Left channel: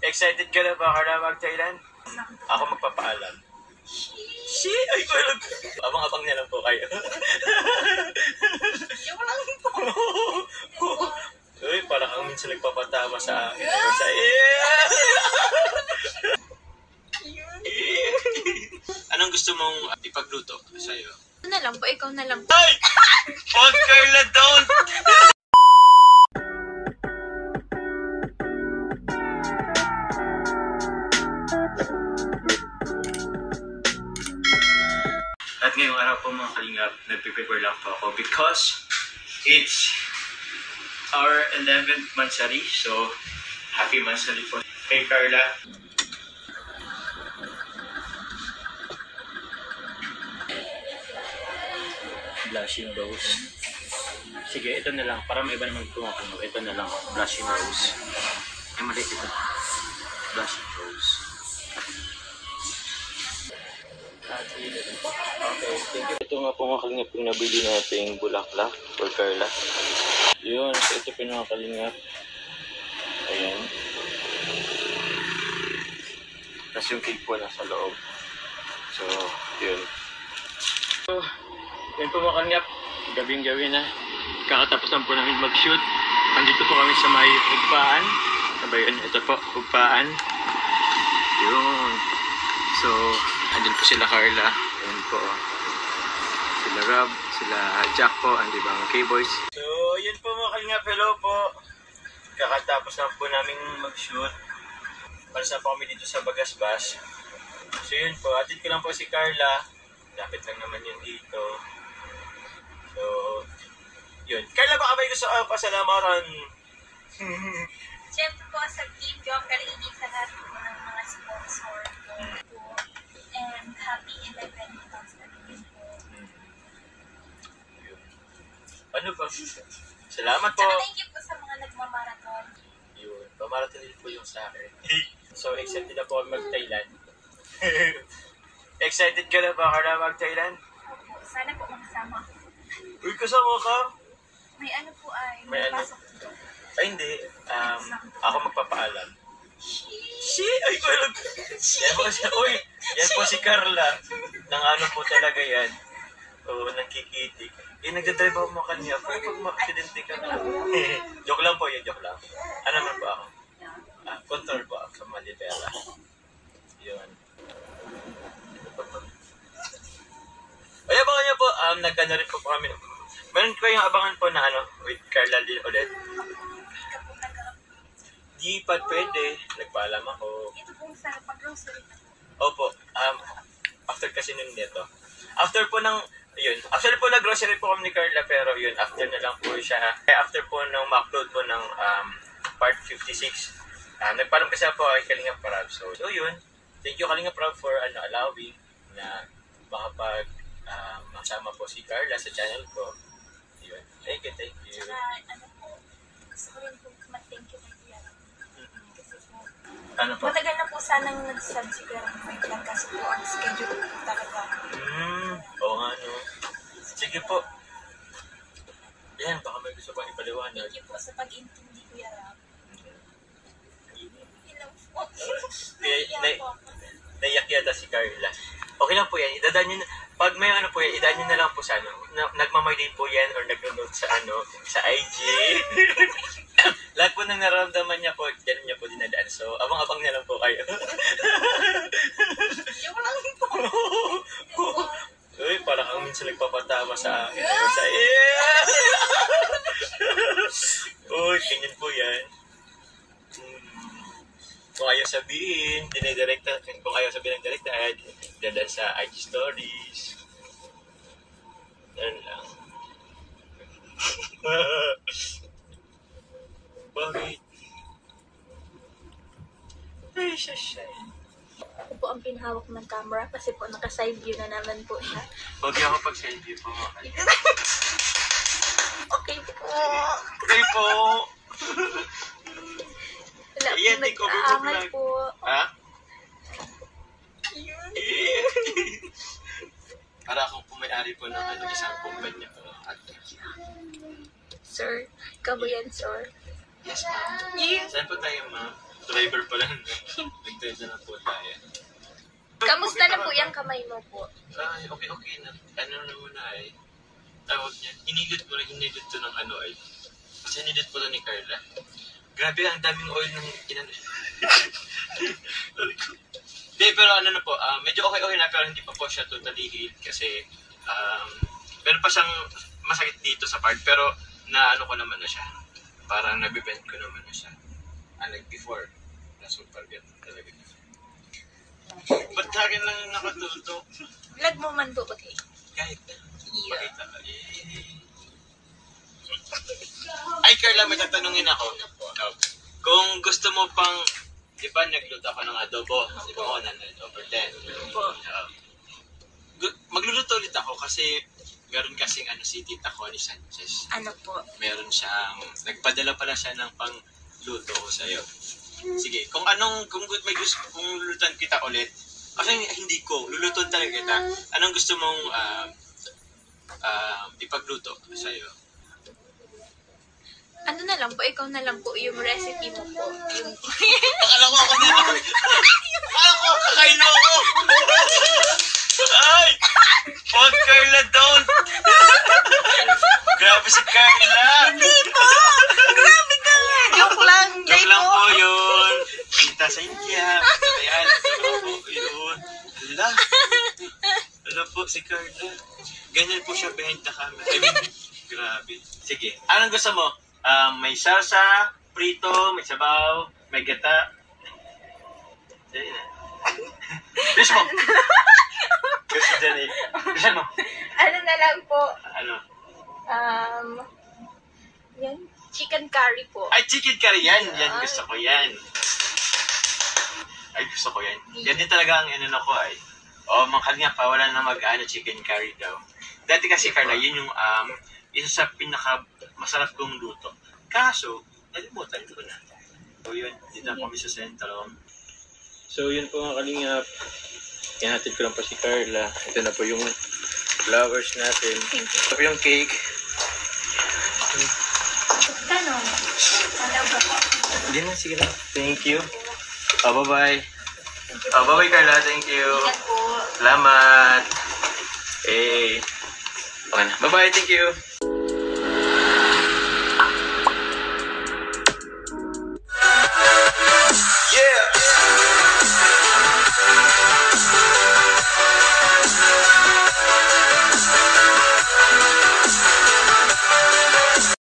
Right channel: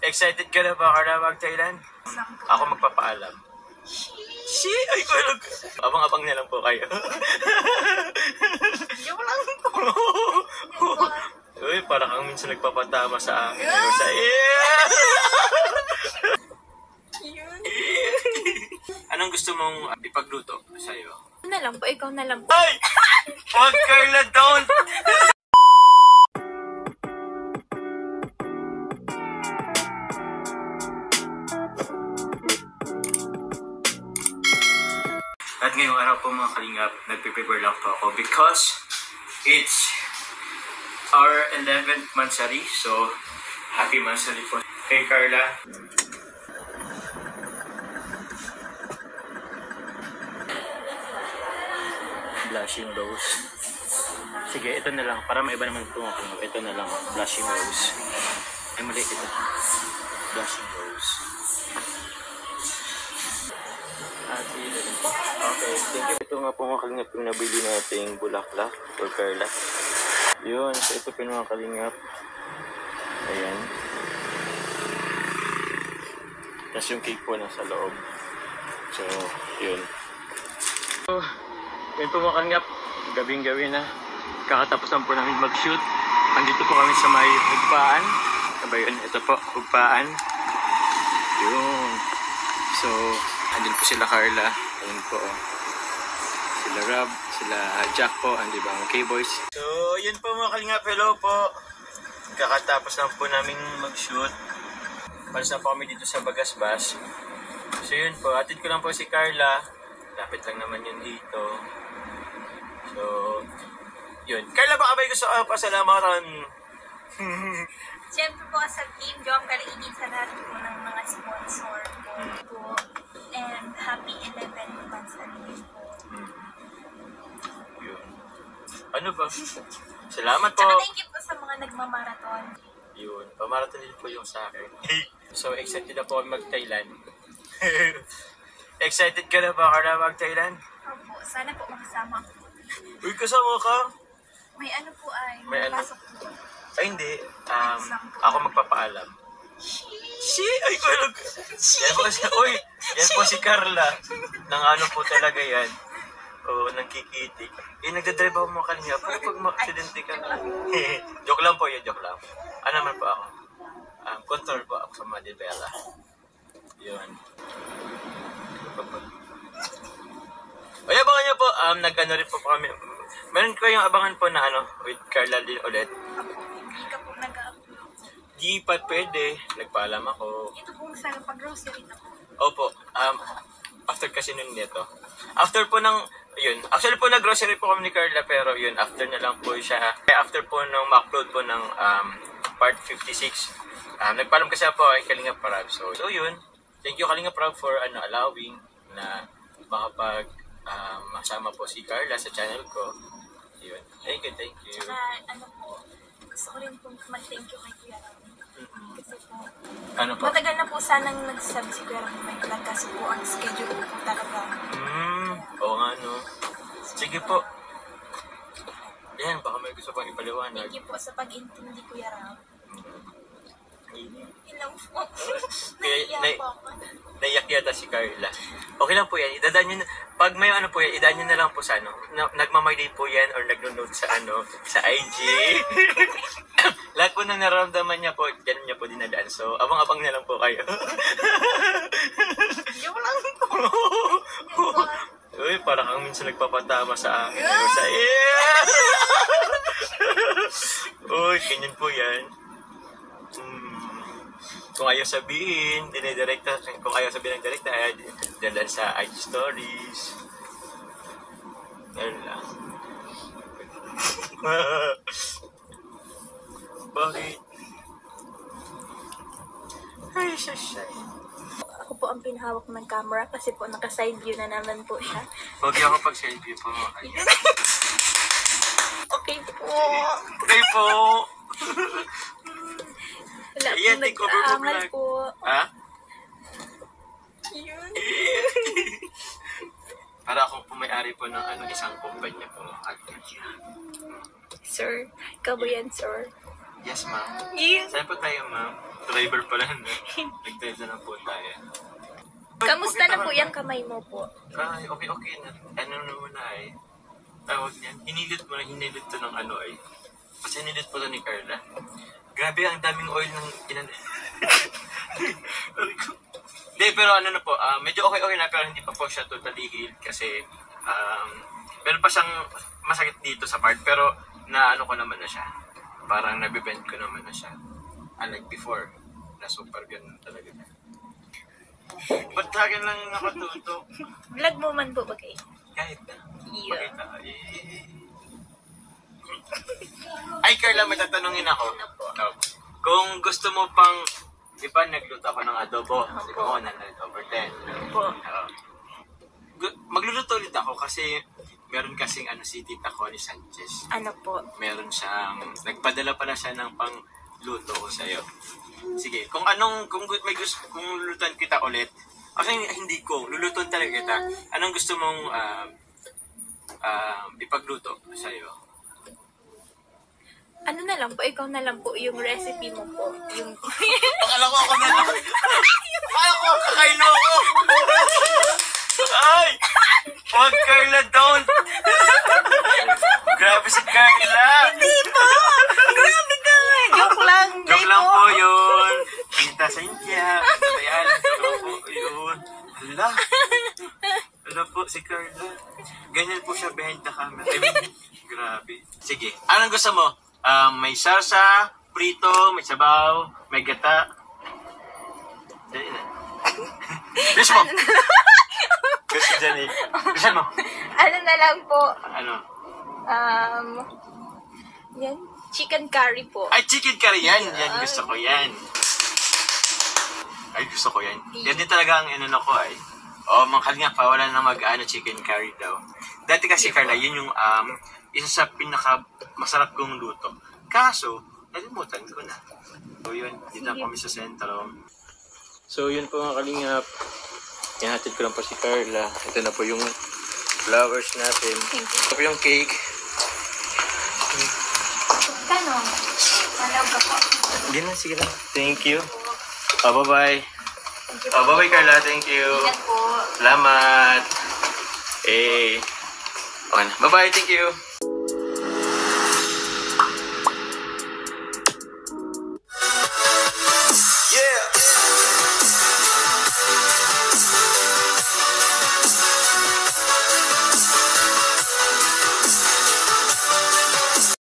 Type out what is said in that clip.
Excited ka na ba para mag-Thailand? Ako magpapaalam. Ay ko lang. Abang-abang na lang po kayo. Yung lang ito. Uy, para kang minsan nagpapatama sa akin. Anong gusto mong ipagluto sa'yo? Na lang po, ikaw na lang po. Ay! Huwag Carla, don't! At ngayong araw po mga kalingap, nagpe-prepare lang po ako because it's our 11th mansari. So, happy mansari po kay Carla. Blushing rose. Sige, ito na lang. Para maiba naman ito ako. Ito na lang. Blushing rose. Ay, maliit ito. Blushing rose. Okay. Ito nga po mga kalingap yung nabili nating bulaklak for Carla. Yun. Ito po mga kalingap. Ayan. Tapos yung cake po nasa loob. So, yun. So, yun po mga kalingap. Gabing-gabi na. Kakatapos lang po namin mag-shoot. Andito po kami sa may hugpaan. Sabayan, ito po, hugpaan. Yun. So, andin po sila Carla. Ayan po. Sila Rob, sila Jack po, andi ba mga K-Boys. So, yun po mga kalingap. Hello po. Kakatapos lang po namin mag-shoot. Palis na po kami dito sa Bagasbas. So, yun po. Atid ko lang po si Carla. Lapit lang naman yun dito. So, yun. Carla, baka may gusto ka pasalamatan? Siyempre po sa Team Job Kalaigin sa lahat po ng mga sponsor po. And happy 11 months na rin po. Yun. Ano ba? Salamat po. Tsaka thank you po sa mga nagmamarathon. Yun. Pamarathon din po yung sa akin. So, excited na po kami mag-Thailand. Excited ka na ba para mag-Thailand? Opo, sana po makasama. Uy, kasama ka? May ano po ay, May may ano? pasok po. Ay, hindi. Ako magpapaalam. Ay ko lang. Yan po si, uy, yan po si Carla. Nang ano po talaga yan. Oo, nangkikitik. Nagdadrive ako mga kanya. Pag ma-accidente ka na. Joke lang po yun, joke lang. Ano naman po ako? Control po ako sa Malibera. Yun. Ay, abangan niyo po. Nag-ano rin po kami. Meron kayong abangan po na ano, with Carla din ulit. Hindi ka po nag-upload. Di pa pwede. Nagpaalam ako. Ito po sana pag-grocery na po. Opo. After kasi nun nito. After po ng, yun. Actually po nag-grocery po kami ni Carla, pero yun, after na lang po siya. Kaya after po nung ma-upload po ng part 56, nagpaalam kasi po kay Kalinga Prab. So yun. Thank you Kalinga Prab for allowing na makapag masama po si Carla sa channel ko. Yun. Thank you, thank you. Tsaka ano po, gusto ko rin po mag-thank you kay Kuya Ram. Kasi po, Ano po? matagal na po sanang nagsasabi si Kuya Ram may kasi po ang schedule ko talaga. Oo nga no. Sige po. Yan, baka may gusto pang ipaliwanag. Thank you po sa pag-intindi Kuya Ram. Hello po. Naiiyak po ako. Naiyak yata si Carla. Okay lang po yan. Idadaan nyo na. Pag may ano po yan, idaan nyo na lang po sa ano. Nagmamay po yan or nag-note sa ano, sa IG. Lahat po nang nararamdaman niya po, dyan niya po dinadaan. So, abang-abang na lang po kayo. Yung lang ito. Uy, para kang minsan nagpapatama sa akin. Uy, ganyan po yan. Kung ayaw sabihin, dinidirekta. Kung ayaw sabihin ng direkta, dinadaan sa IG stories. Yan lang. Bakit? Ay, shashay. Ako po ang pinahawak ng camera kasi po naka-side view na naman po siya. Huwag niyo ako pag-selfie po mga kanya. Okay po. Okay po. Wala po Ayan, di ko nag-aangal vlog. po. Ha? Yun. Para akong pumayari po ng isang kumpanya po mga kanya. Sir, ikaw ba yan, sir? Yes, ma'am. Yeah. Saan po tayo, ma'am? Driver pala. Nagtenda na po tayo. Kamusta na po yung kamay mo po? Ay, okay na. Ano naman na ay, tawag niyan, hinilot to ng ano ay. Kasi hinilot po to ni Carla. Grabe, ang daming oil ng Hindi, pero ano na po, medyo okay na, pero hindi pa po siya totally healed kasi, meron pa siyang masakit dito sa part, pero na ano ko naman na siya. Parang nabibend ko naman na siya. Unlike before, na super ganun talaga niya. Ba't sa akin lang nakatutok? Vlog mo man po ba kayo? Kahit na. Yeah. Pakita. Ay, Carla, may tatanungin ako. No. Kung gusto mo pang, di ba nagluto ako ng adobo? Di ba ako 100 over 10? Po. Magluluto ulit ako kasi meron kasing si Tita Connie Sanchez. Ano po? Meron siyang, nagpadala pala siya ng pangluto ko sa'yo. Sige, kung may gusto, kung lulutuan kita ulit, kasi hindi ko, lulutuan talaga kita. Anong gusto mong ipagluto sa'yo? Ano na lang po, ikaw na lang po yung recipe mo po. Yung... Akala ko kakain mo ako! Ay! Huwag Carla, don't! Grabe si Carla! Hindi po! Grabe ka lang! Joke lang! Joke lang po yun! Kita sa India! Ayan, joke lang po yun! Hala po si Carla. Ganyan po siya behind the camera. Grabe. Sige, anong gusto mo? May salsa, prito, may sabaw, may gata. Dali na. Bilis mo! Gusto dyan eh. Gusto mo? Ano na lang po? Ano? Yan. Chicken curry po. Ay, chicken curry yan. Yan, gusto ko yan. Ay, gusto ko yan. Yan din talaga ang inano ko ay. Mga kalinga pa, wala na mag-ano chicken curry daw. Dati kasi, Carla, yun yung isa sa pinaka masarap kong luto. Kaso, nalimutan ko na. So yun, dito na kami sa sentro. So yun po mga kalingap. Ihatid ko lang po si Carla. Ito na po yung flowers natin. Ito po yung cake. Kano? Alam ka po. Hindi na, sige lang. Thank you. Bye-bye. Bye-bye Carla, thank you. Ingat po. Salamat. Okay na. Bye-bye, thank you.